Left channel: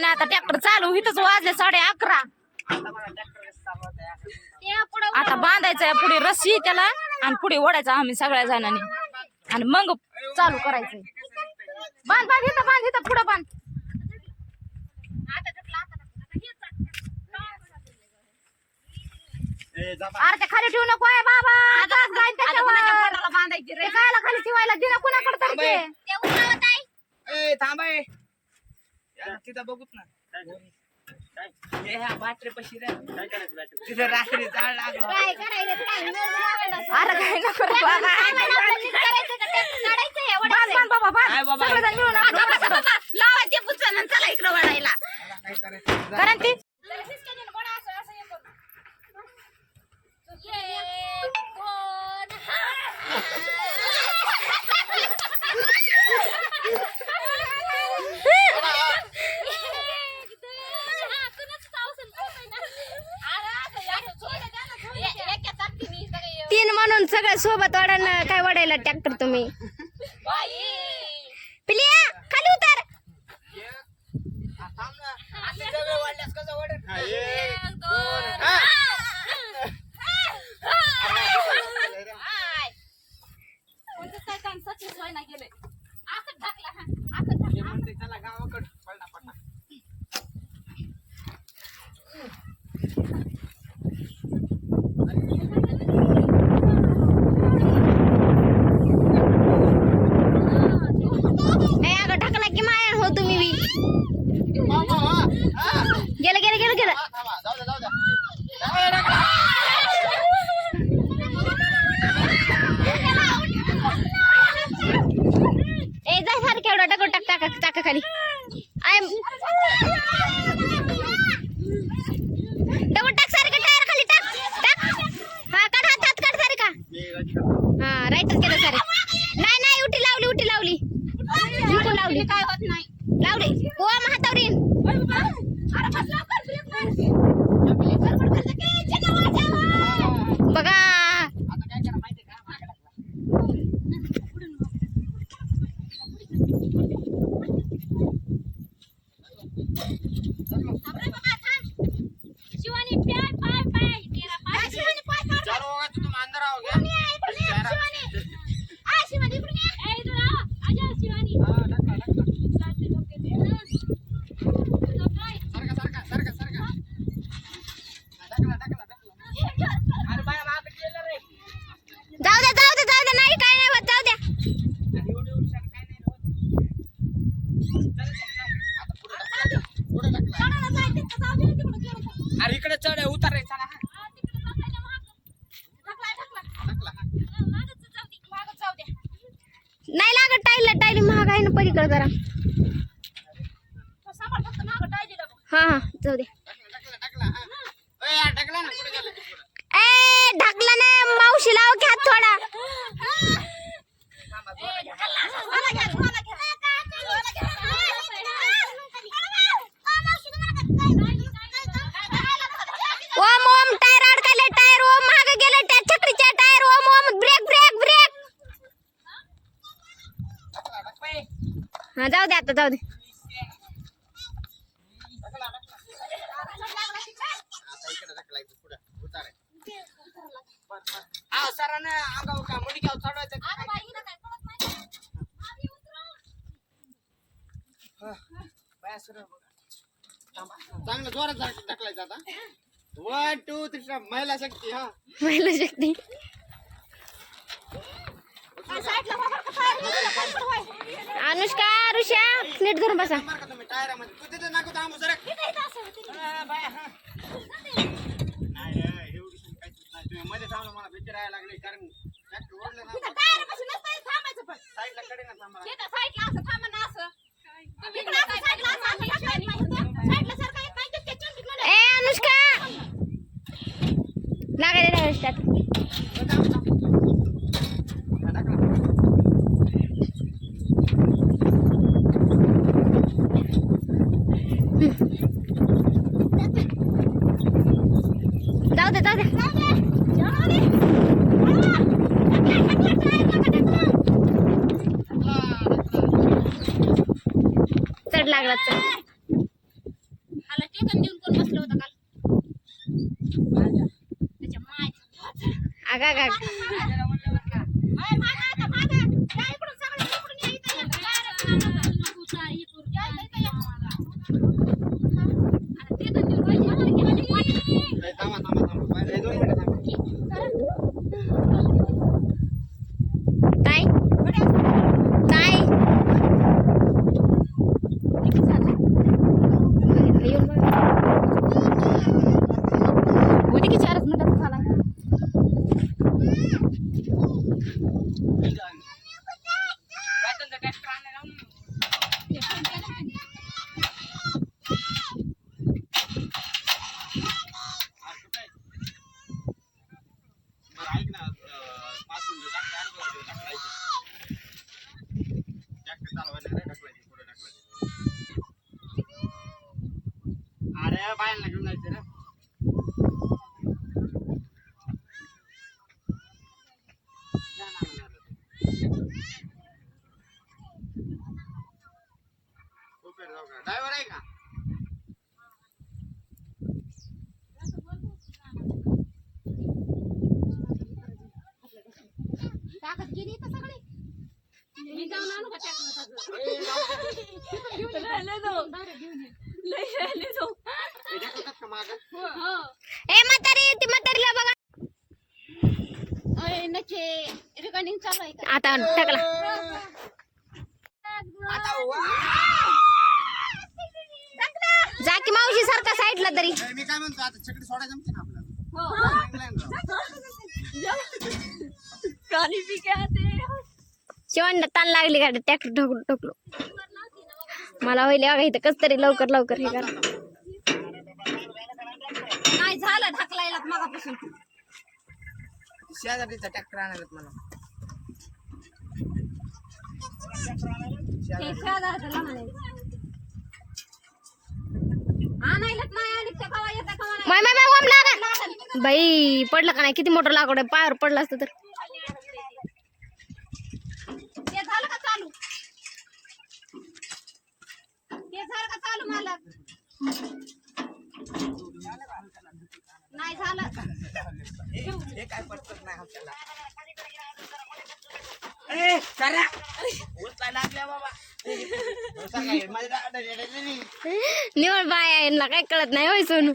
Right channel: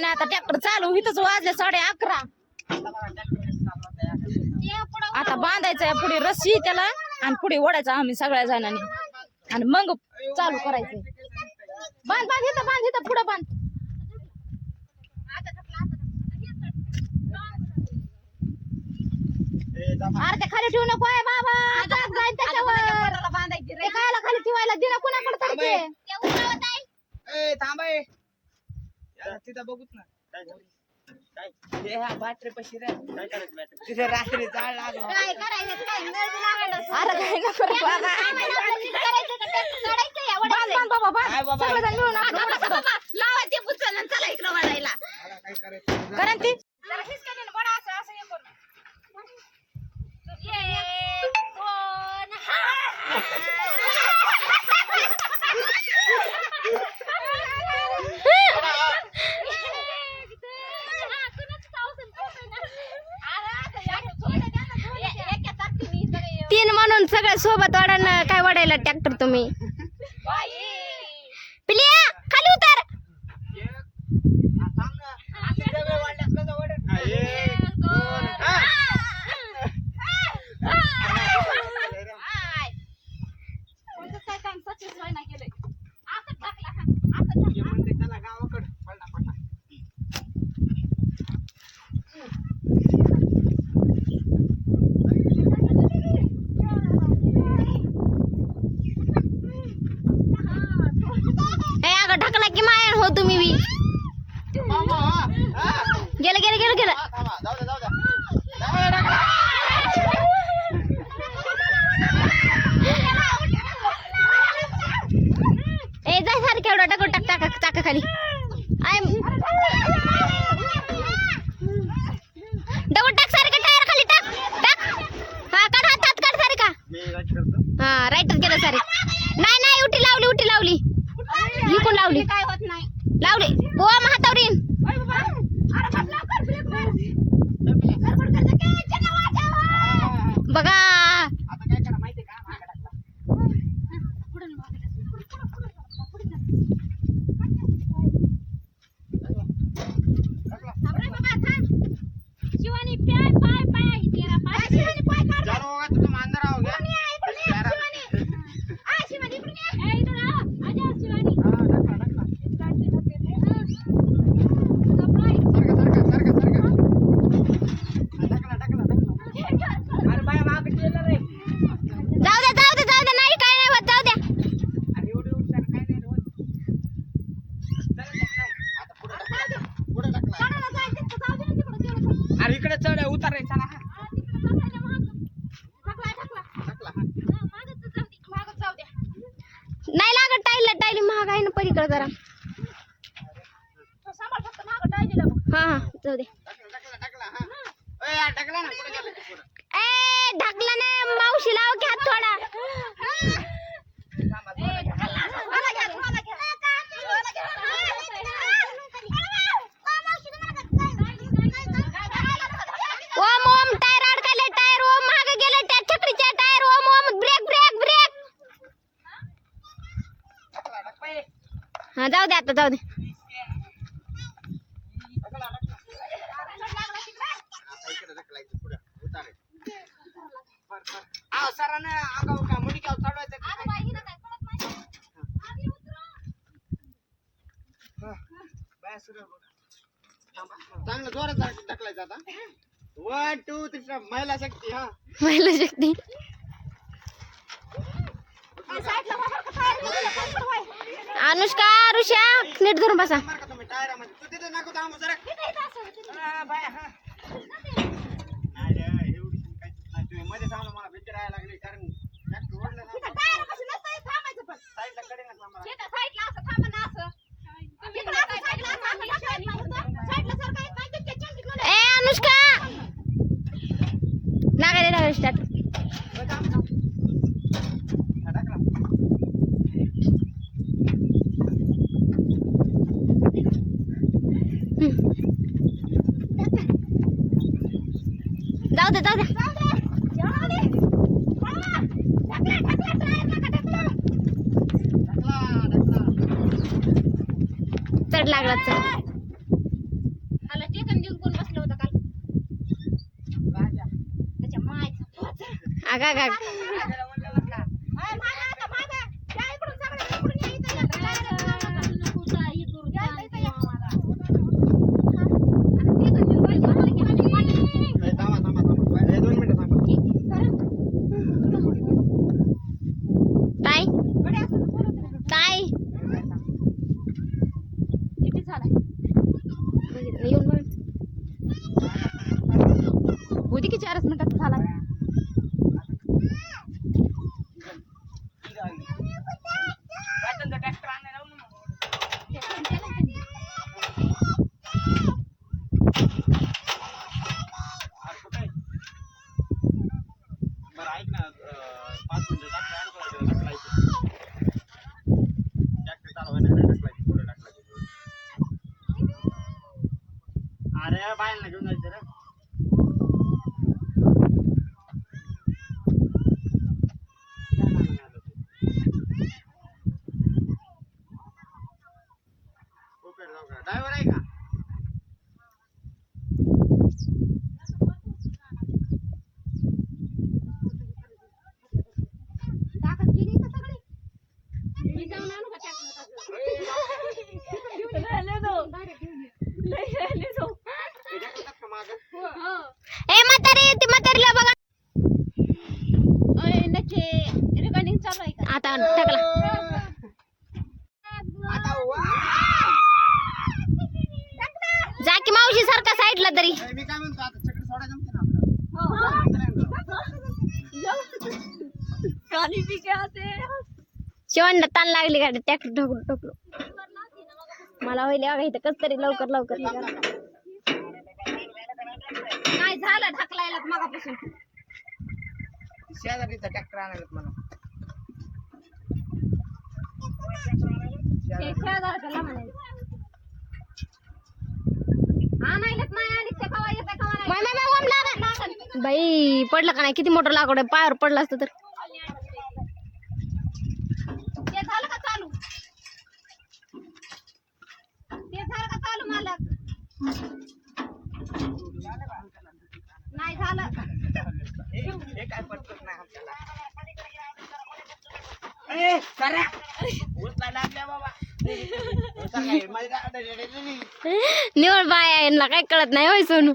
काय नाही आता ट्रॅक्टर चालू इथंच वाजले 11:30. आता बांधायचंय पुढे रस्सी त्याला आणि पुढे ओढायचं आम्ही सगळ्या जणांनी आणि मग चालू करायचं. बांध बांध इथं पुढं बांध. अरे ते खाली ठेवू नको आहे बाबा. खायला खाली ठेवायला दिना कुणाकडे तरी तिथं बघूत ना बाटरे पशी तिथे रात्री जाळ लागला. अरे काय नको रे बाबा. बाबा सगळेजण मिळून लावा ते पुचन चला इकडं वाढायला कारण ती तीन म्हणून सगळ्या सोबत वाढायला काय वाढायला ट्रॅक्टर तुम्ही पिलिया खाली उतर. ढकला की माया हो तुम्ही बी गेलं गेलं गेलं गेलं. ए जा सारखं एवढा टाक टाका टाका खाली डबल टाक सारखं टायर खाली टाक टाक हा काढ हातात काढ सारखा हा राईटर केलं सारे. नाही उठी लावली इकडून लावली काय होत नाही लावली हो हातावरी बघा. आता काय करा माहितीये का शिवानी पाय तेरा पाय शिवानी पाय काढ तुम्ही अंदर आओगे शिवानी शिवानी इकडून ये इकडून आ आजा शिवानी अरे बाया माग केलं रे. जाऊ दे नाही काय नाही होत जाऊ द्या. एवढी काय नाही होत. पुढे टाकला अरे इकडे चढ उतार रे चला. नाही लागत टाईली महाग आहे ना पलीकडे जरा हा जाऊ दे. टाकला ना पुढे गेलं ए ढकला नाही मावशी लाव घ्या थोडा. ओम टायर अडकले टायर ओम मागे गेले त्या छत्रीच्या टायर ओम ब्रेक हा जाऊ दे आता जाऊ दे. सरांना अंगावर का मुडी घ्याव चढवायचं चांगलं जोरात ढकलायचं आता. 1 2 3 महिला शक्ती हा महिला शक्ती अनुष्का ऋषा नीट धरून बसा. तुम्ही टायरामध्ये तू तिथे नको थांबू जरा. तुम्ही मध्ये थांबलं मला भीती राहायला लागली कारण ओढलं ना साईडला कडे ना थांबा. ए अनुष्का लागायला स्टार्ट. जाऊ दे चढ लागला चढ. ठिकाण देऊन कोण बसलं होतं काल त्याच्या माय आगा गा ताई ताई येऊन होती की 4 मिनिटात झाला अरे बायांना घेऊन जायचं रे ड्रायव्हर आहे का ताकद गेली तर सगळी मी जाऊन आणू का ए म्हातारी ती म्हातारीला बघा अरे नचे रिकॉर्डिंग चालू आहे का आता टाकला जा की मावशी सारखा साईडला तरी मी काय म्हणतो आता चकडी सोडा जमते ना शिवणला ताण लागली गाडी ट्रॅक्टर ठोकलो ठोकलो मला होईल बघा इथं कस तरी लवकर लवकर हे करा नाही झालं ढकलायला मागापासून शेजारीचा ट्रॅक्टर आणायला मला बाई पडलं का नाही किती मोठं लाकूड आहे पायावर पडलं असतं तर ते झालं का चालू मालक नाही झालं काय पडत नाही आपल्याला ए करा उचलायला लागल्या बाबा निवड बाय यांना काय कळत नाही होय सोनू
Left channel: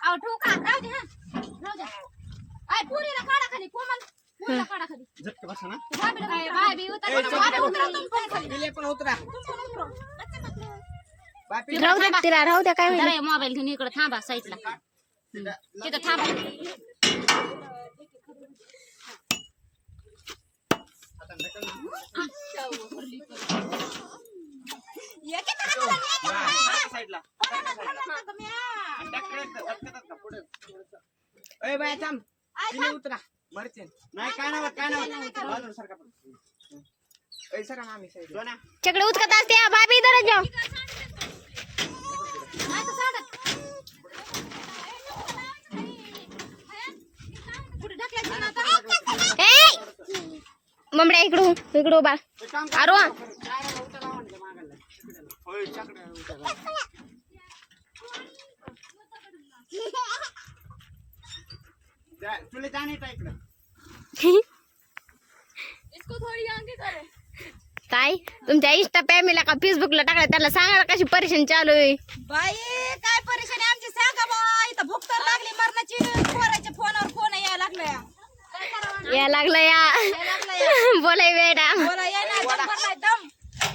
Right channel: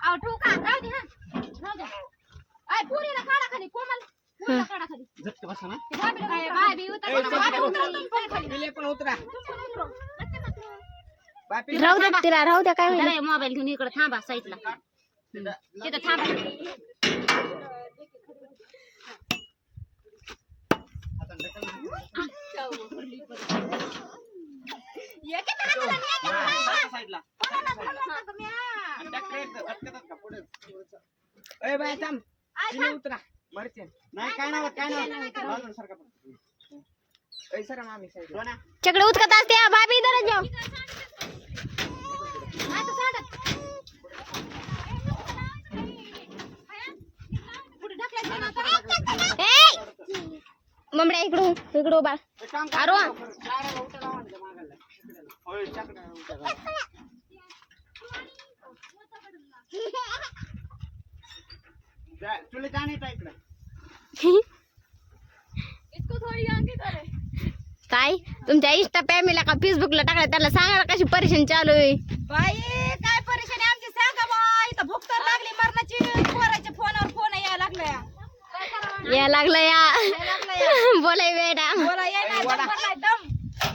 आव ठोका राहू दे राहू दे आय पुरीला काढा खाली कोमल पुरीला काढा खाली झटके बसा ना बाय बी उतर बिले पण उतरा राहू दे तिला राहू द्या काय होईल मोबाईल घेऊन इकडे थांबा साईडला तिथे थांबा बाय थांब उतरा मरचे नाही काय नाही काय नाही सर मामी चकडे उचकत असते भाभी इधर जाओ ममड्या इकडू इकडू बा आरो चुले जाने था इकडे इसको थोड़ी आगे करे काय तुमच्या इंस्टा फॅमिलीला का फेसबुकला टाकला त्याला सांगा कशी परेशानी चालू आहे बाई काय परेशानी आमची सांगा बाई इथं भूक तर लागली मरणाची पोराच्या फोनवर फोन यायला लागलाय या लागलं या बोलाय वेडा बोला येणार दम भरलाय दम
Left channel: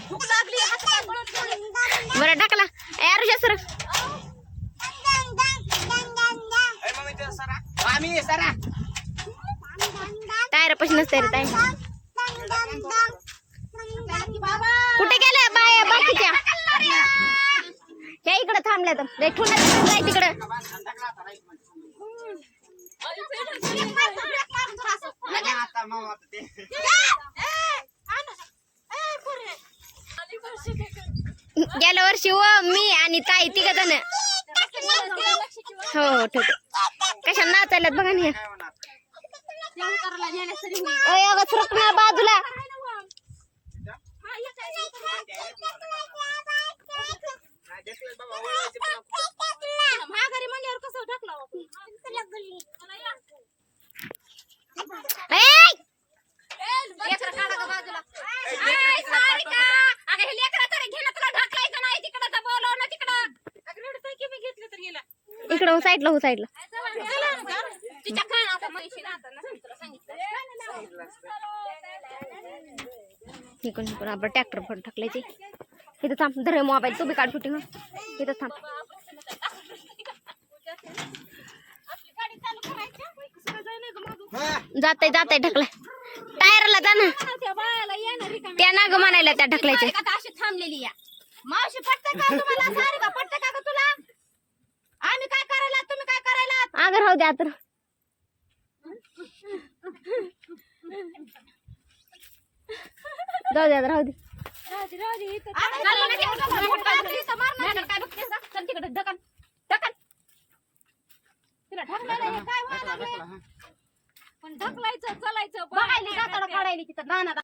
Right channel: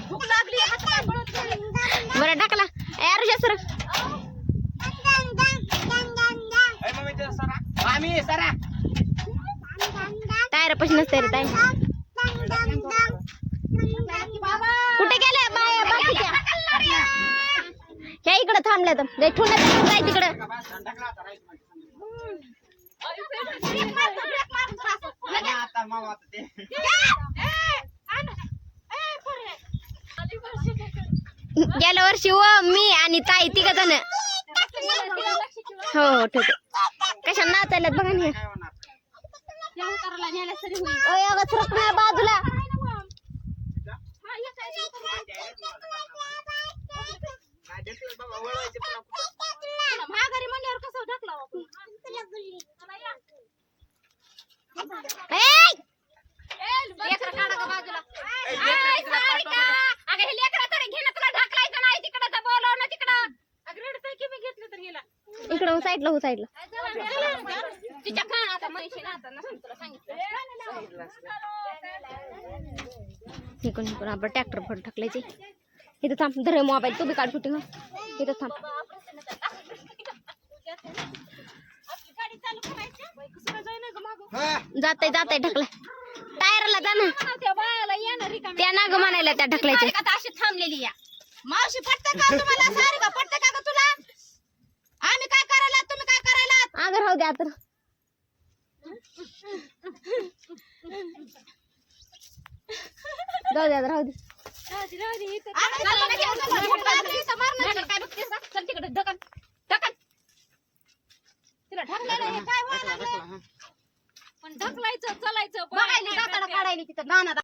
भूक लागली हात पाय पळून गेले बरं टाकला यार सर मामी सरा टायर पशी नसते रे ताई बाबा कुठे गेल्या बाया बाकीच्या ह्या इकडे थांबल्या तर लय ठुंडा जाय तिकडे आता मामा ते गेल्या वर्षी मी आणि ताई तिघ जण हो ठीक कशा नाचायला बघा नाही बाजूला वळवायचे पुन्हा कुठं? पुन्हा माघारी म्हणल्यावर कसं ढकला आपण? लेकरं काढा का बाजूला? ए, लेकरं तिकडं पाठवा. अगं हे लेकरं तरी घे ना, तुला ढकलायचं नाही तिकडं, तर बोलव ना तिकडं. अगं रडतंय की मी घेतलं तर गेला. इकडं साईडला हो साईडला तिच्या कानात म्हैशी ना आता नसेल तुला सांगितलं. इकडून इकडून आपण ट्रॅक्टर फट टाकल्याचे इथं थांब धर मोबाईल तू बी काढ शूटिंग इथं थांब हा. जाते ढकलाय टायरला जा ना त्या बाळाला येणार रिकामी. त्या नाग म्हणायला त्या ढकलायचे सारिका तर अशी थांबलेली या. मावशी पटतं का तुम्हाला? सारिका पटतं का ग तुला? आम्ही काय करायला तुम्ही काय करायला? अगं राहू द्या तर जाऊ द्या राहू दे चल तिकडे ढकल ढकल. तिला ढकलायला हे काय व्हायला लागलंय? पण ढकलायचं चालायचं बघायला काढायला तिथं नाना